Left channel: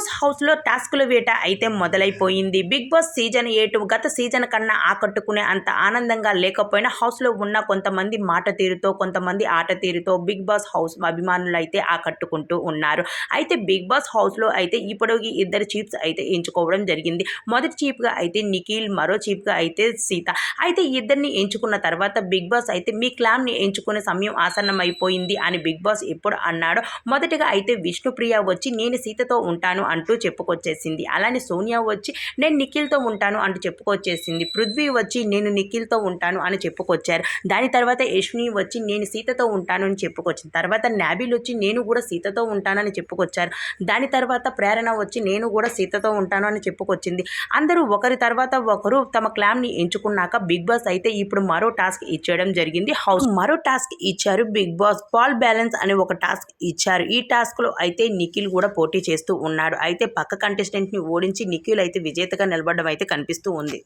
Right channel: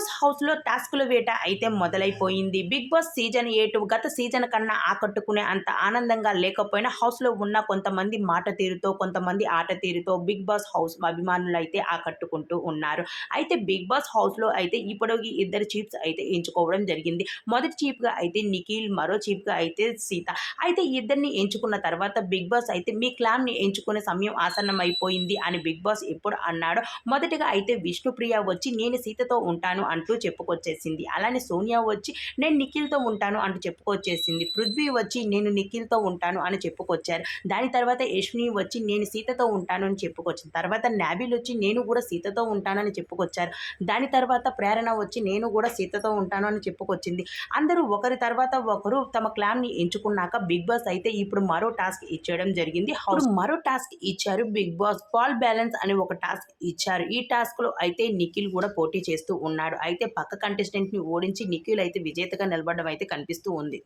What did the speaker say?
Boss హౌస్లో టాస్కుల వేట అయితే మొదలైపోయింది. బిగ్ బాస్ సీజన్ 8 గత సీజన్ కన్నా ఆకట్టుకునే అంత ఆనందంగా లేకపోయినా హౌస్లో ఉన్న కొంతమంది మాట తీరుతో, కొంతమంది ఆట తీరుతో బిగ్ బాస్ హౌస్ అభిమానులు అయితే ఆకట్టుకుంటూ ఉన్నారు. అయితే బిగ్ బాస్ హౌస్లో అయితే ఇప్పటికి ఇద్దరు చీఫ్స్ అయితే ఎంచుకోవడం జరిగింది. మొదటి చీఫ్గా అయితే నిఖిల్, మరో చీఫ్గా అయితే సీత. అయితే ఇద్దరిని ఎంచుకున్న తర్వాత బిగ్ బాస్ అయితే మీ క్లాన్‌ని ఎంచుకునే సమయం ఆసన్నమైపోయింది అని బిగ్ బాస్ ఎప్పుడు అన్నాడో మొదటగా అయితే విష్ణుప్రియ వచ్చి నేను సీతతో ఉంటాను అంటూ చెప్పుకొచ్చేసింది. అలానే సోనియా వచ్చి నేను నిఖిల్‌తో ఉంటాను అంటూ చెప్పుకొచ్చేసింది. పృథ్వీ వచ్చి నేను నిఖిల్‌తో ఉంటాను అని చెప్పుకొచ్చారు. దాని తర్వాత యష్మి వచ్చి నేను సీతతో ఉంటాను అని చెప్పుకొచ్చింది. తర్వాత నాబిల్ వచ్చి నేను కూడా సీతతో ఉంటానని చెప్పుకొచ్చారు. దాని తర్వాత ప్రేరణ వచ్చి నేను కూడా సీతతో ఉంటాను అని చెప్పుకొచ్చింది. అందరూ ఒకరి తర్వాత ఒకరు తమ క్లాన్‌ని ఎంచుకున్నాక బిగ్ బాస్ అయితే ఇప్పుడు మరో టాస్క్ ఇచ్చేయడం జరిగింది. మరో టాస్క్ ఇచ్చారు బిగ్ బాస్. బాల్ బ్యాలెన్స్ అనే ఒక టాస్క్ ఇచ్చారు. ఈ టాస్క్‌లో అయితే నిఖిల్ కూడా పోటీ చేస్తూ ఉన్నాడు. అయితే పక్క కంటెస్టెంట్‌ని ఓడించి నిఖిల్ అయితే విజేతగా నిలబడడం అయితే కనిపిస్తూ ఉంది.